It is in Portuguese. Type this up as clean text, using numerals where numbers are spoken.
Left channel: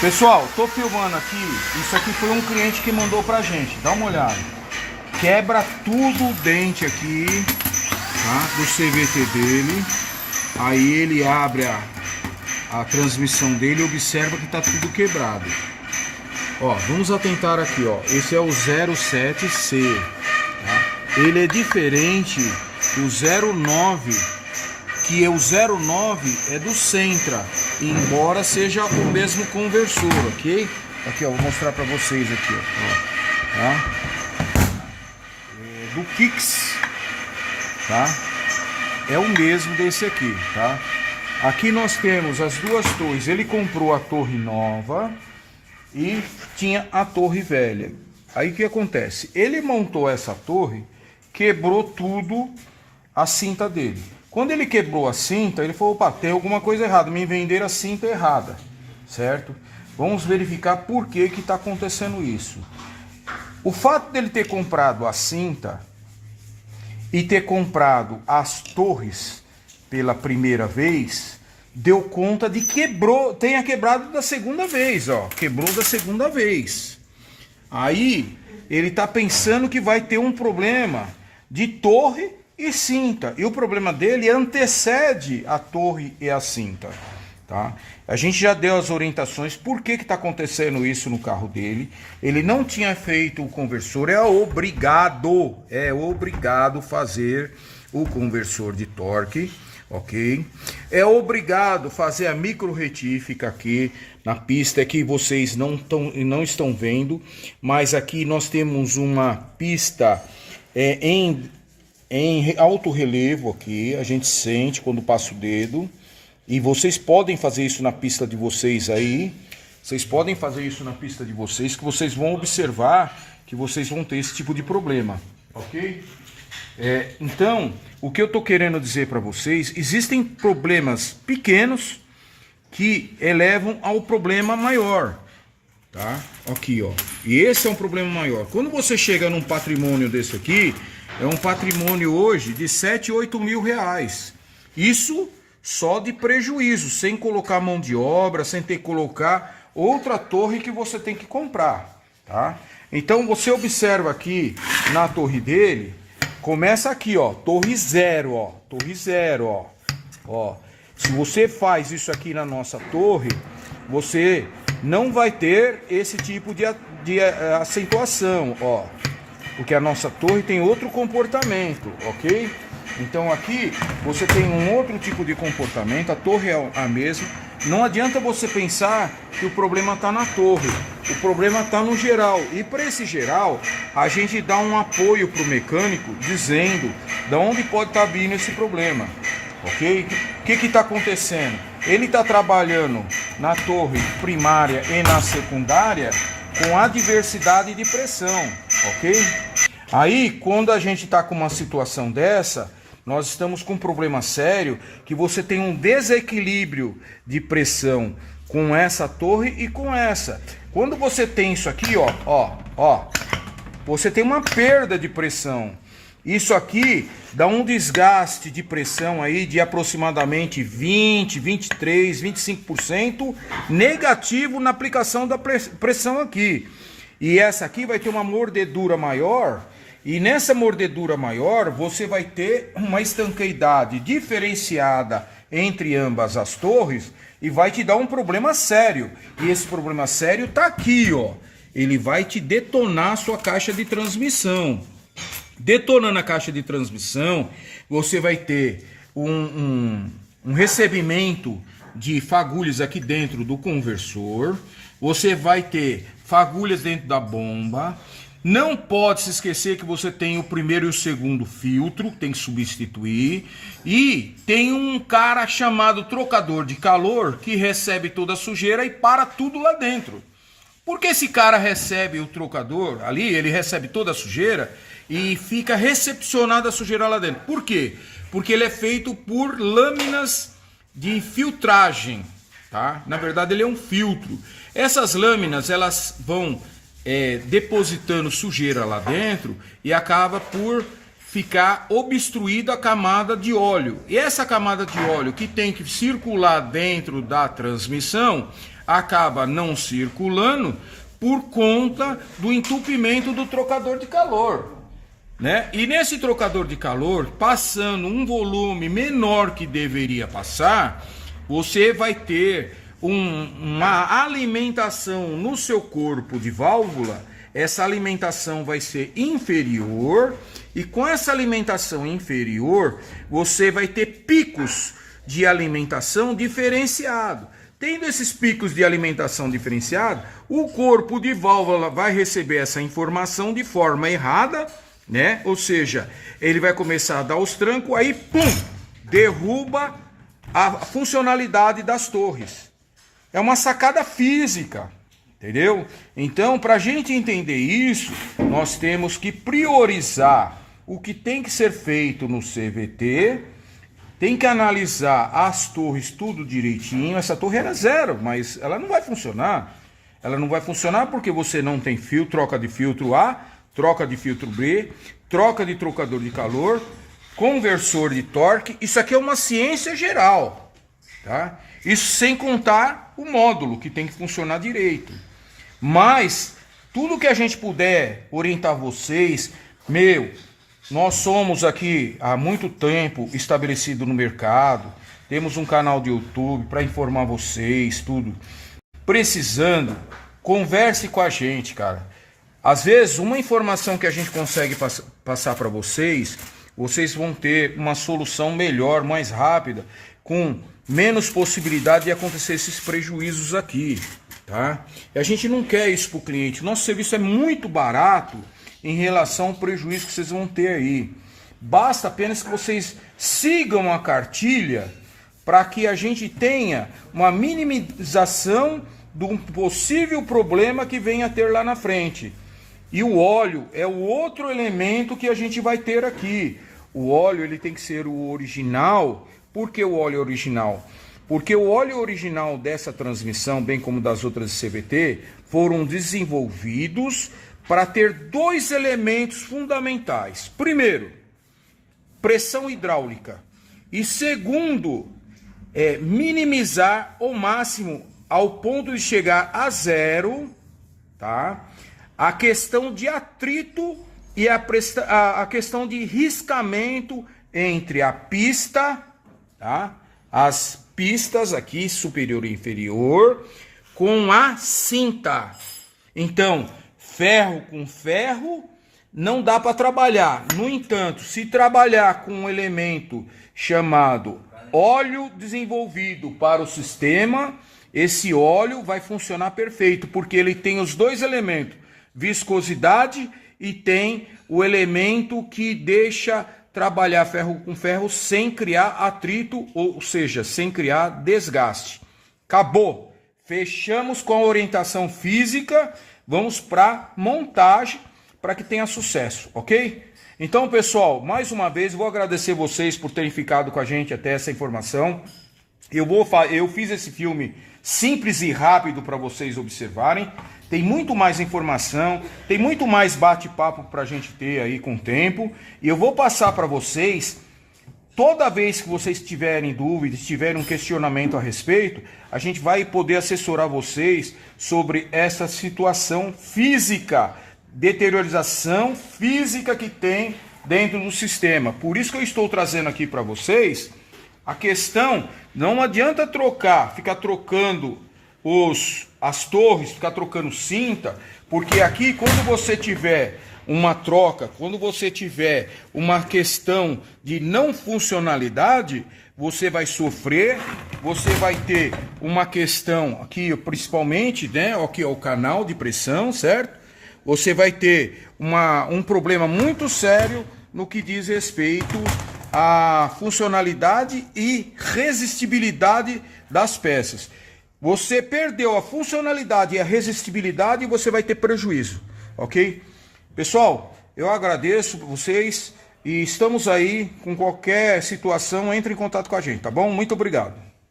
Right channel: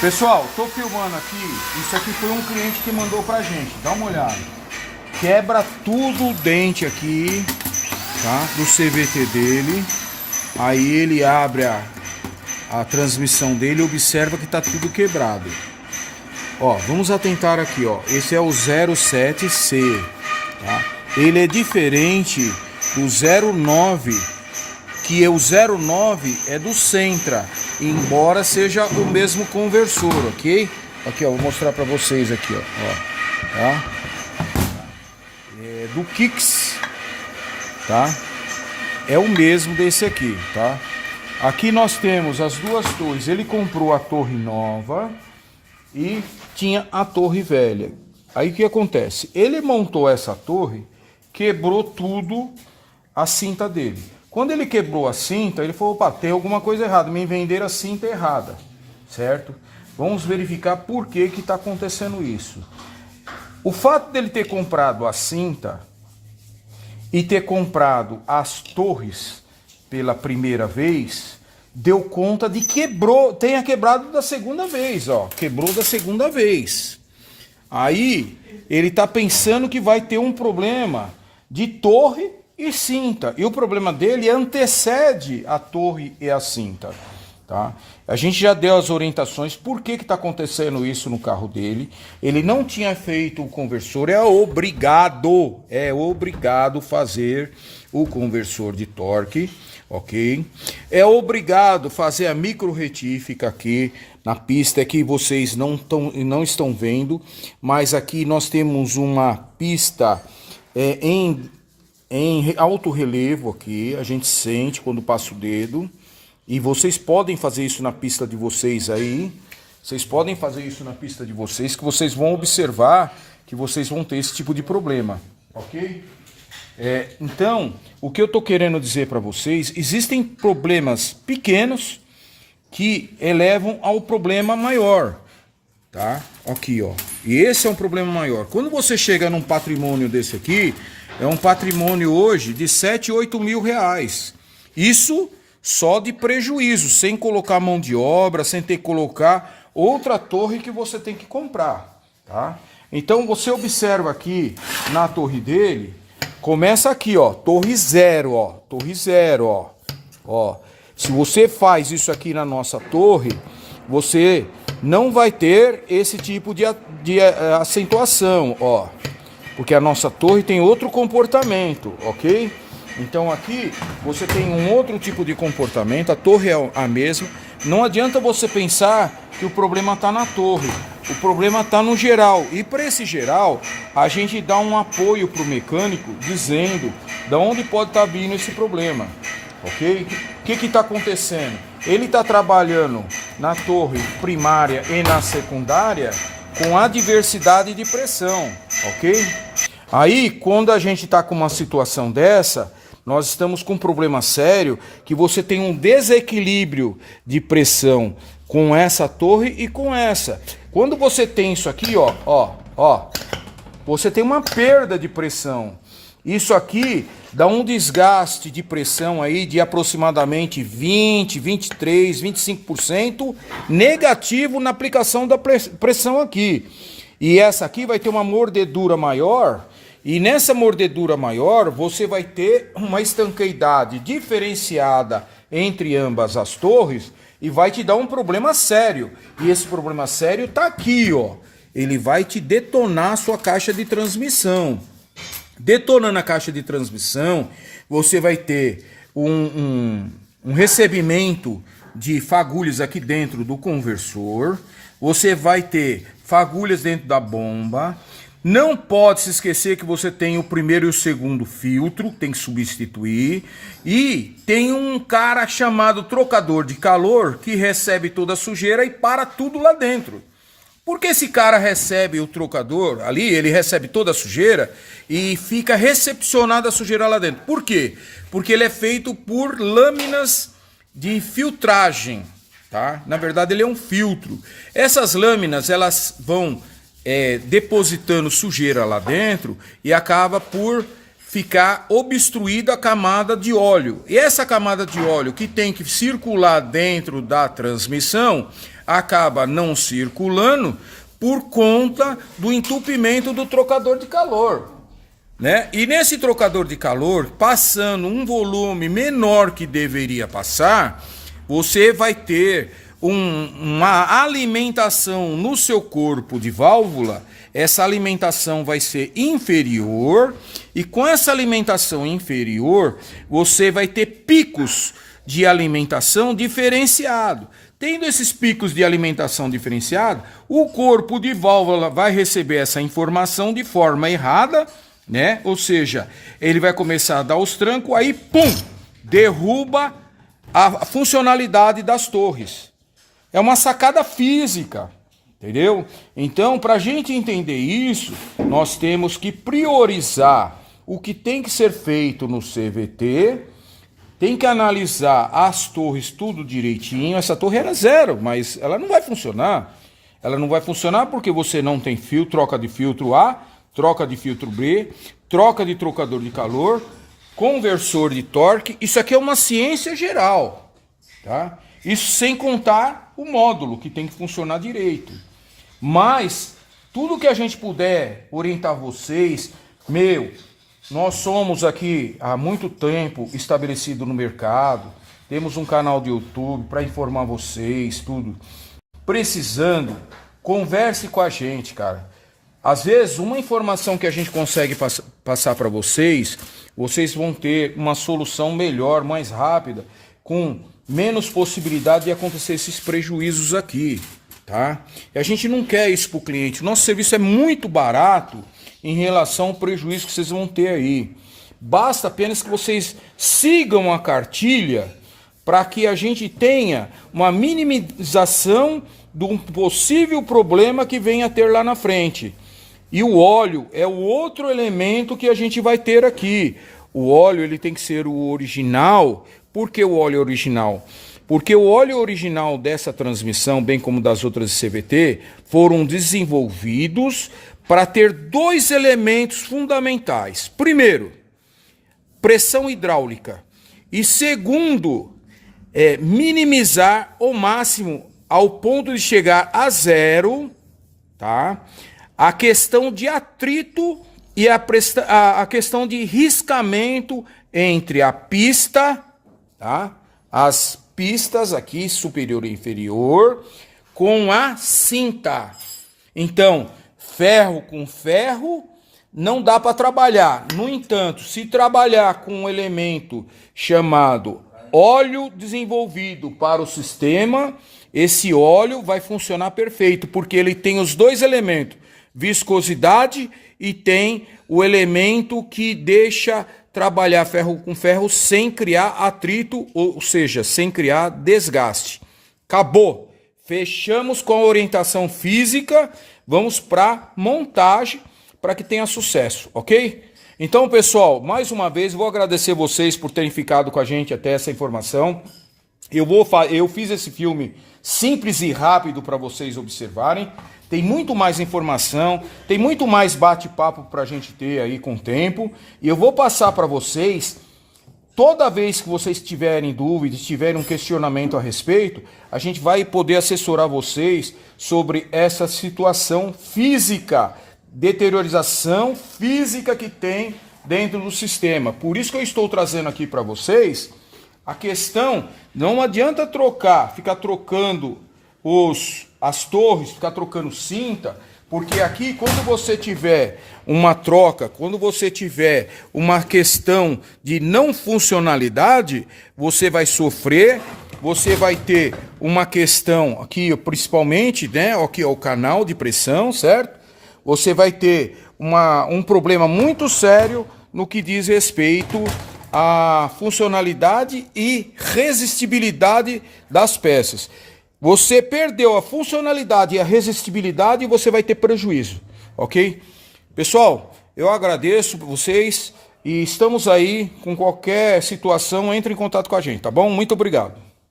Pessoal, tô filmando aqui. Isso aqui foi um cliente que mandou pra gente. Dá uma olhada. Quebra tudo o dente aqui, tá? Do CVT dele. Aí ele abre a transmissão dele e observa que tá tudo quebrado. Ó, vamos atentar aqui, ó. Esse é o 07C, tá? Ele é diferente do 09, que é o 09 é do Centra, embora seja o mesmo conversor, ok? Aqui, ó, vou mostrar pra vocês aqui, ó, tá? É do Kicks, tá? É o mesmo desse aqui, tá? Aqui nós temos as duas torres. Ele comprou a torre nova e tinha a torre velha. Aí o que acontece? Ele montou essa torre, quebrou tudo a cinta dele. Quando ele quebrou a cinta, ele falou: opa, tem alguma coisa errada, me venderam a cinta errada, certo? Vamos verificar por que que está acontecendo isso. O fato dele ter comprado a cinta e ter comprado as torres pela primeira vez, deu conta de tenha quebrado da segunda vez, ó, quebrou da segunda vez. Aí ele tá pensando que vai ter um problema de torre e cinta, e o problema dele antecede a torre e a cinta, tá? A gente já deu as orientações por que está acontecendo isso no carro dele. Ele não tinha feito o conversor, é obrigado fazer o conversor de torque, ok? É obrigado fazer a micro retífica aqui na pista, que vocês não estão vendo, mas aqui nós temos uma pista em alto relevo aqui, a gente sente quando passa o dedo. E vocês podem fazer isso na pista de vocês aí. Vocês podem fazer isso na pista de vocês, que vocês vão observar que vocês vão ter esse tipo de problema, ok? Então, o que eu estou querendo dizer para vocês, existem problemas pequenos que elevam ao problema maior, tá? Aqui, ó. E esse é um problema maior. Quando você chega num patrimônio desse aqui, é um patrimônio hoje de 7, 8 mil reais. Isso só de prejuízo, sem colocar mão de obra, sem ter que colocar outra torre que você tem que comprar, tá? Então você observa aqui na torre dele, começa aqui, ó, torre zero, ó. Se você faz isso aqui na nossa torre, você não vai ter esse tipo de acentuação, ó, porque a nossa torre tem outro comportamento, ok? Então aqui você tem um outro tipo de comportamento, a torre é a mesma. Não adianta você pensar que o problema está na torre, o problema está no geral. E para esse geral, a gente dá um apoio para o mecânico dizendo de onde pode estar vindo esse problema, ok? O que está acontecendo? Ele está trabalhando na torre primária e na secundária com adversidade de pressão, ok? Aí, quando a gente está com uma situação dessa, nós estamos com um problema sério, que você tem um desequilíbrio de pressão com essa torre e com essa. Quando você tem isso aqui, ó, você tem uma perda de pressão. Isso aqui dá um desgaste de pressão aí de aproximadamente 20, 23, 25% negativo na aplicação da pressão aqui. E essa aqui vai ter uma mordedura maior. E nessa mordedura maior, você vai ter uma estanqueidade diferenciada entre ambas as torres e vai te dar um problema sério. E esse problema sério tá aqui, ó. Ele vai te detonar a sua caixa de transmissão. Detonando a caixa de transmissão, você vai ter um recebimento de fagulhas aqui dentro do conversor. Você vai ter fagulhas dentro da bomba. Não pode se esquecer que você tem o primeiro e o segundo filtro, tem que substituir. E tem um cara chamado trocador de calor que recebe toda a sujeira e para tudo lá dentro. Porque esse cara recebe o trocador ali, ele recebe toda a sujeira e fica recepcionada a sujeira lá dentro. Por quê? Porque ele é feito por lâminas de filtragem, tá? Na verdade ele é um filtro. Essas lâminas, elas vão depositando sujeira lá dentro e acaba por ficar obstruída a camada de óleo. E essa camada de óleo que tem que circular dentro da transmissão acaba não circulando por conta do entupimento do trocador de calor, né? E nesse trocador de calor, passando um volume menor que deveria passar, você vai ter uma alimentação no seu corpo de válvula. Essa alimentação vai ser inferior, e com essa alimentação inferior, você vai ter picos de alimentação diferenciado. Tendo esses picos de alimentação diferenciado, o corpo de válvula vai receber essa informação de forma errada, né? Ou seja, ele vai começar a dar os trancos, aí pum, derruba a funcionalidade das torres. É uma sacada física, entendeu? Então, para a gente entender isso, nós temos que priorizar o que tem que ser feito no CVT, tem que analisar as torres tudo direitinho. Essa torre era zero, mas ela não vai funcionar. Ela não vai funcionar porque você não tem fio, troca de filtro A, troca de filtro B, troca de trocador de calor, conversor de torque. Isso aqui é uma ciência geral, tá? Isso sem contar o módulo, que tem que funcionar direito. Mas tudo que a gente puder orientar vocês, nós somos aqui há muito tempo estabelecido no mercado, temos um canal de YouTube para informar vocês, tudo. Precisando, converse com a gente, cara. Às vezes, uma informação que a gente consegue passar para vocês, vocês vão ter uma solução melhor, mais rápida, com menos possibilidade de acontecer esses prejuízos aqui, tá? E a gente não quer isso para o cliente. Nosso serviço é muito barato em relação ao prejuízo que vocês vão ter aí. Basta apenas que vocês sigam a cartilha para que a gente tenha uma minimização de um possível problema que venha a ter lá na frente. E o óleo é o outro elemento que a gente vai ter aqui. O óleo ele tem que ser o original. Por que o óleo original? Porque o óleo original dessa transmissão, bem como das outras CVT, foram desenvolvidos para ter dois elementos fundamentais. Primeiro, pressão hidráulica. E segundo, minimizar ao máximo, ao ponto de chegar a zero, tá? A questão de atrito e a questão de riscamento entre a pista, tá? As pistas aqui, superior e inferior, com a cinta. Então, ferro com ferro não dá para trabalhar. No entanto, se trabalhar com um elemento chamado óleo desenvolvido para o sistema, esse óleo vai funcionar perfeito, porque ele tem os dois elementos, viscosidade e tem o elemento que deixa trabalhar ferro com ferro sem criar atrito, ou seja, sem criar desgaste. Acabou. Fechamos com a orientação física, vamos para montagem para que tenha sucesso, ok? Então, pessoal, mais uma vez vou agradecer vocês por terem ficado com a gente até essa informação. Eu fiz esse filme simples e rápido para vocês observarem. Tem muito mais informação, tem muito mais bate-papo para a gente ter aí com o tempo. E eu vou passar para vocês, toda vez que vocês tiverem dúvidas, tiverem um questionamento a respeito, a gente vai poder assessorar vocês sobre essa situação física, deteriorização física que tem dentro do sistema. Por isso que eu estou trazendo aqui para vocês a questão, não adianta ficar trocando as torres, ficar trocando cinta, porque aqui quando você tiver uma troca, quando você tiver uma questão de não funcionalidade, você vai sofrer, você vai ter uma questão aqui, principalmente, né, aqui é o canal de pressão, certo? Você vai ter um problema muito sério no que diz respeito à funcionalidade e resistibilidade das peças. Você perdeu a funcionalidade e a resistibilidade e você vai ter prejuízo, ok? Pessoal, eu agradeço vocês e estamos aí com qualquer situação, entre em contato com a gente, tá bom? Muito obrigado.